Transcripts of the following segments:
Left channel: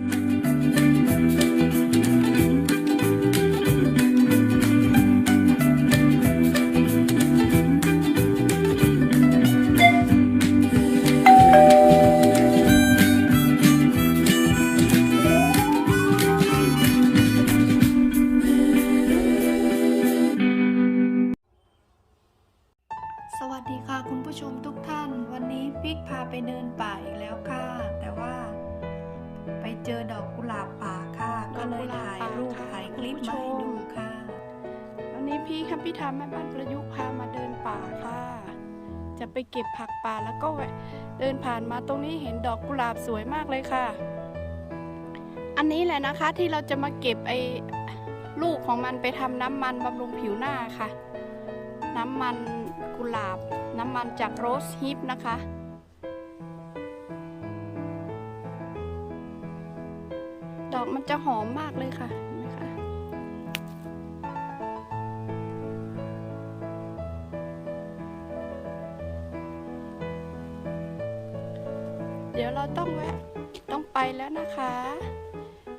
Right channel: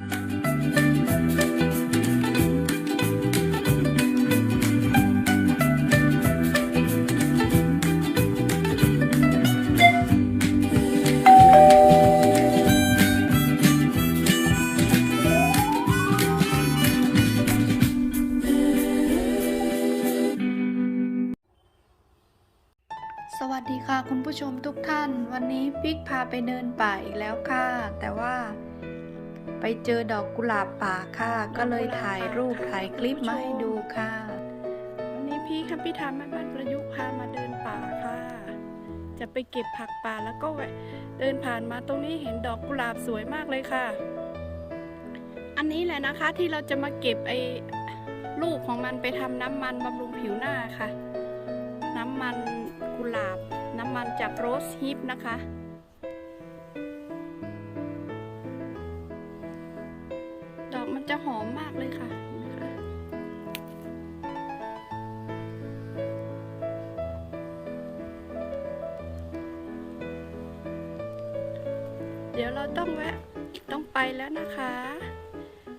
สวัสดีค่ะคุณผู้ชมทุกท่าน วันนี้ปิ๊กพาไปเดินป่าอีกแล้วค่ะ แต่ว่า ไปเจอดอกกุหลาบป่าค่ะ ก็เลยถ่ายรูปถ่ายคลิปมาให้ดูค่ะวันนี้พี่คัมพี่ทามแม่บ้านประยุกต์พามาเดินป่าค่ะ จะไปเก็บผักป่าแล้วก็แวะเดินผ่านมาตรงนี้เห็นดอกกุหลาบสวยมากเลยค่ะ อันนี้แหละนะคะที่เราจะมาเก็บไอ้ลูกของมันไปทำน้ำมันบำรุงผิวหน้าค่ะ น้ำมันกุหลาบ น้ำมันจากโรสฮิปนะคะ มันจะหอมมากเลยค่ะเห็นไหมคะเดี๋ยวเราต้องแวะต้องไปแล้วนะคะ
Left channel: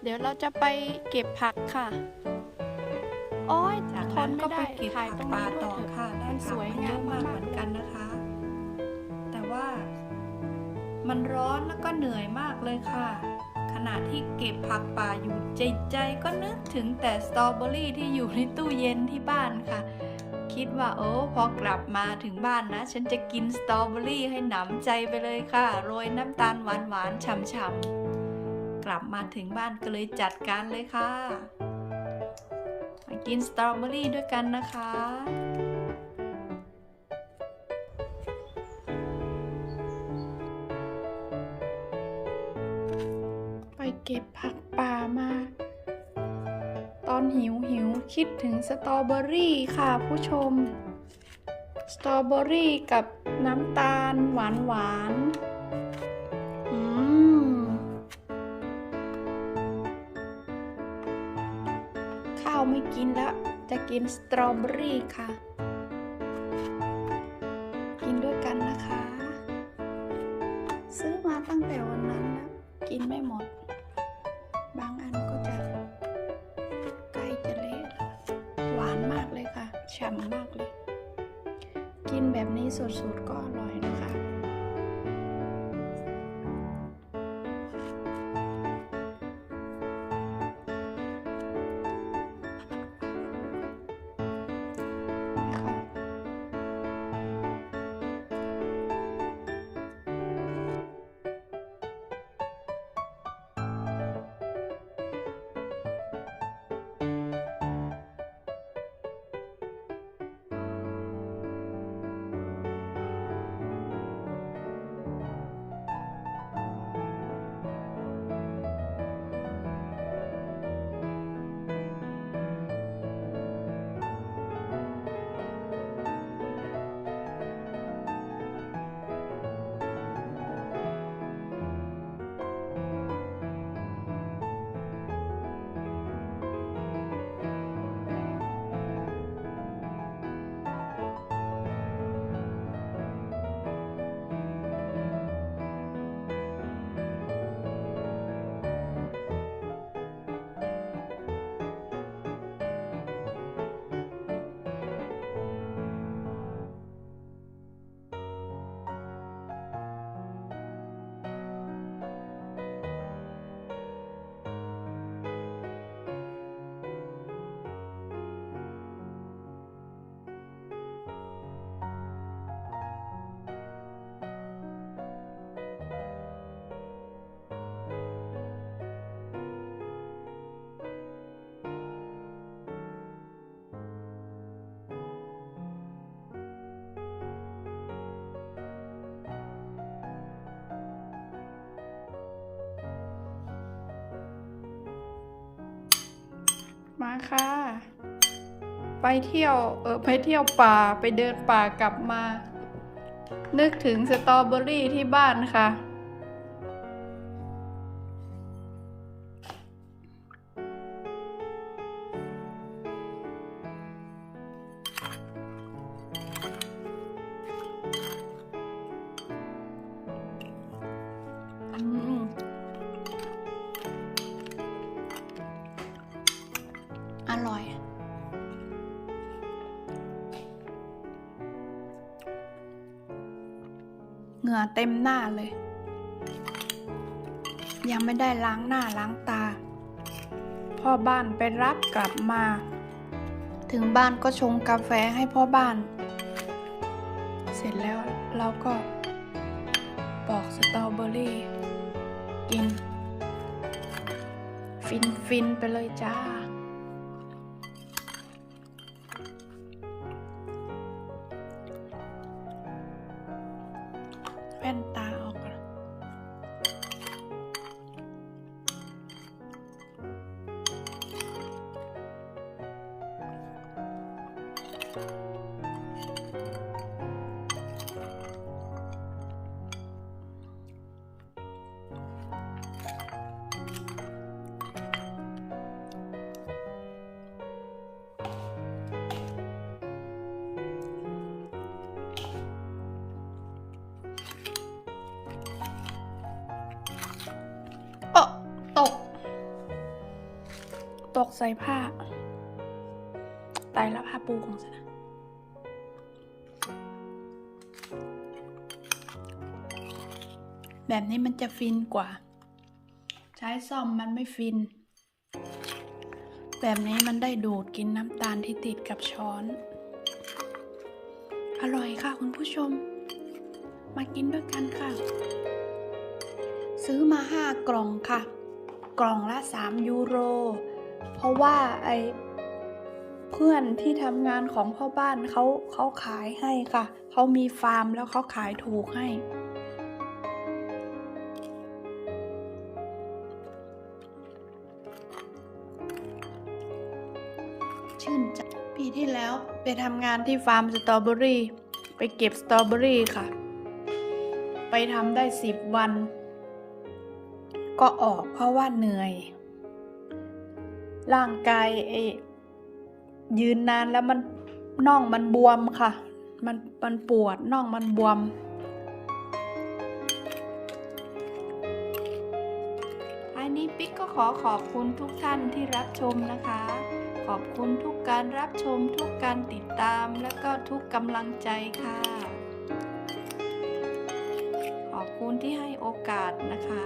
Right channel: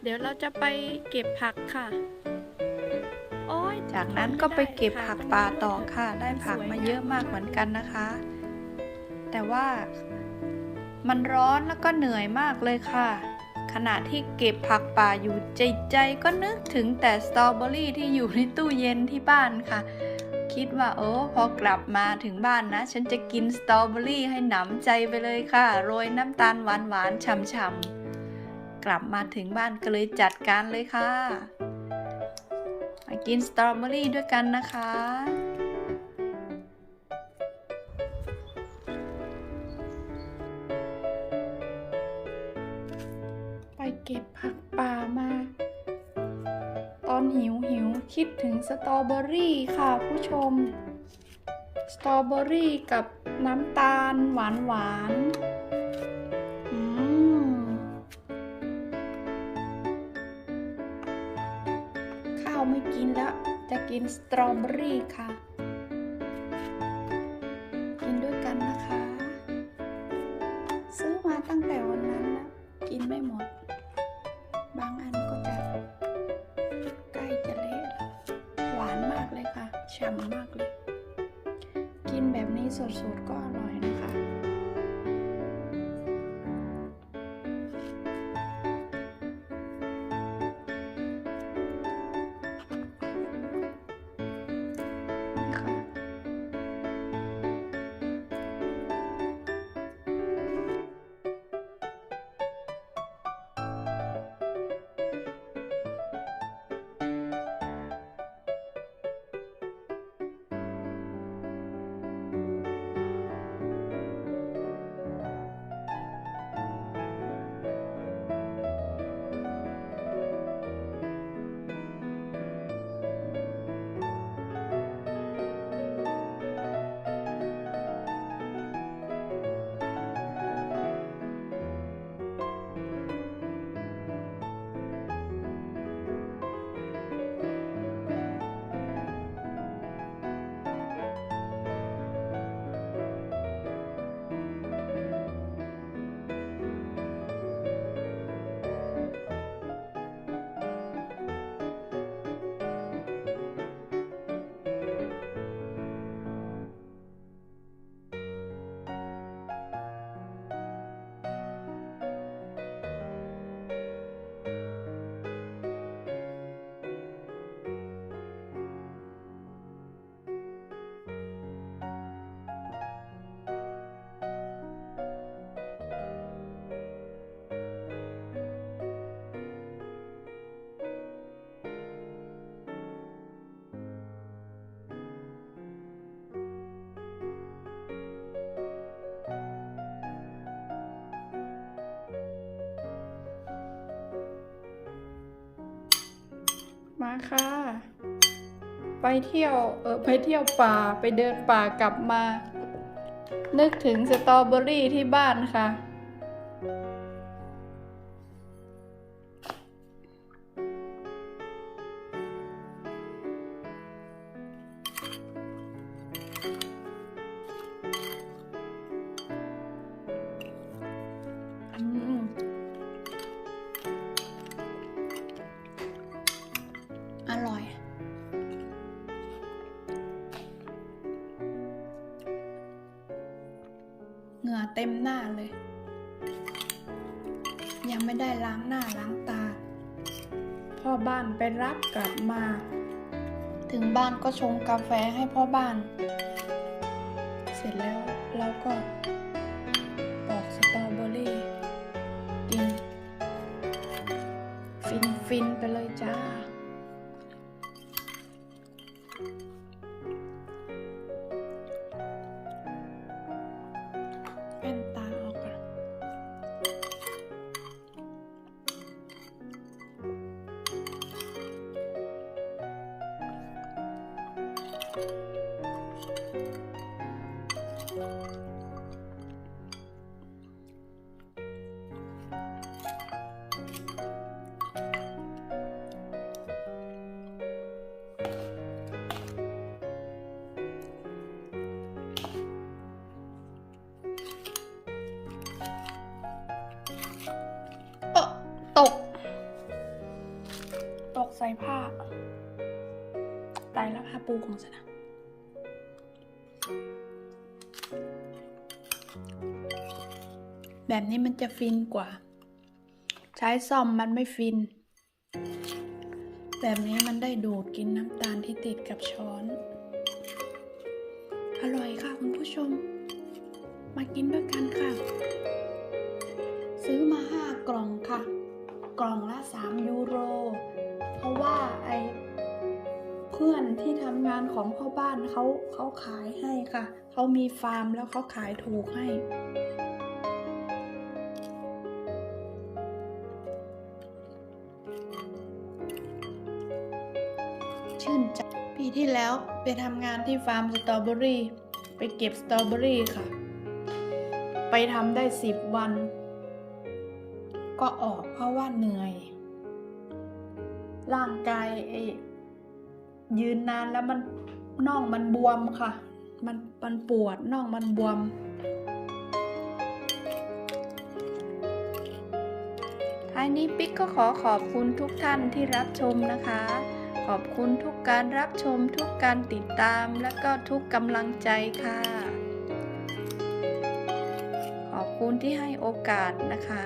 เดี๋ยวเราจะไปเก็บผักค่ะโอ้ยจากนั้นทม่ก็ไปด้เก็บถ่ยผักตรงป่านี้วยต่อเถค่ะ ได้ผักมาเยอะมากเหมือนกันนะคะ แต่ว่ามันร้อนแล้วก็เหนื่อยมากเลยค่ะ ขณะที่เก็บผักป่าอยู่ใจใจก็นึกถึงแต่สตรอเบอรี่ที่อยู่ในตู้เย็นที่บ้านค่ะ คิดว่าโอ้พอกลับมาถึงบ้านนะ ฉันจะกินสตรอเบอรี่ให้หนำใจไปเลยค่ะ โรยน้ำตาลหวานหวานๆฉ่ำๆกลับมาถึงบ้านก็เลยจัดการเลยค่ะมากินสตรอเบอรี่ด้วยกันนะคะ เก็บผักป่ามา ตอนหิวหิวคิดถึงสตรอเบอรี่ค่ะผู้ชม สตรอเบอรี่กับน้ำตาลหวานหวานอืมข้าวไม่กินแล้ว จะกินสตรอเบอรี่ค่ะ กินด้วยกันนะคะ ซื้อมาตั้งแต่วันนั้นนะกินไม่หมด บางอันก็จะใกล้จะเละแล้วหวานมากเลยค่ะฉ่ำมากเลย กินแบบนี้สดๆก็อร่อยนะคะ มาค่ะ ไปเที่ยวเออไปเที่ยวป่าไปเดินป่ากลับมา นึกถึงสตรอเบอรี่ที่บ้านค่ะ งื่อเต็มหน้าเลย ยังไม่ได้ล้างหน้าล้างตา พ่อบ้านไปรับกลับมา ถึงบ้านก็ชงกาแฟให้พ่อบ้าน เสร็จแล้วเราก็ปอกสตรอเบอรี่กิน ฟินฟินไปเลยจ้า แว่นตาออก ผ้า ตายแล้วผ้าปูของฉันนะแบบนี้มันจะฟินกว่า ใช้ซ่อมมันไม่ฟิน แบบนี้มันได้ดูดกินน้ำตาลที่ติดกับช้อน อร่อยค่ะคุณผู้ชม มากินด้วยกันค่ะ ซื้อมาห้ากล่องค่ะ กล่องละ 3 ยูโร เพราะว่าไอเพื่อนที่ทำงานของพ่อบ้านเขาเขาขายให้ค่ะ เขามีฟาร์มแล้วเขาขายถูกให้ ชื่นใจปีที่แล้วไปทำงานที่ฟาร์มสตรอเบอรี่ ไปเก็บสตรอเบอรี่ค่ะ ไปทำได้สิบวัน ก็ออกเพราะว่าเหนื่อย ร่างกายเอยืนนานแล้วมันน่องมันบวมค่ะ มันมันปวดน่องมันบวม ท้ายนี้ปิ๊กก็ขอขอบคุณทุกท่านที่รับชมนะคะ ขอบคุณทุกการรับชมทุกการติดตามและก็ทุกกำลังใจค่ะ ขอบคุณที่ให้โอกาสนะคะ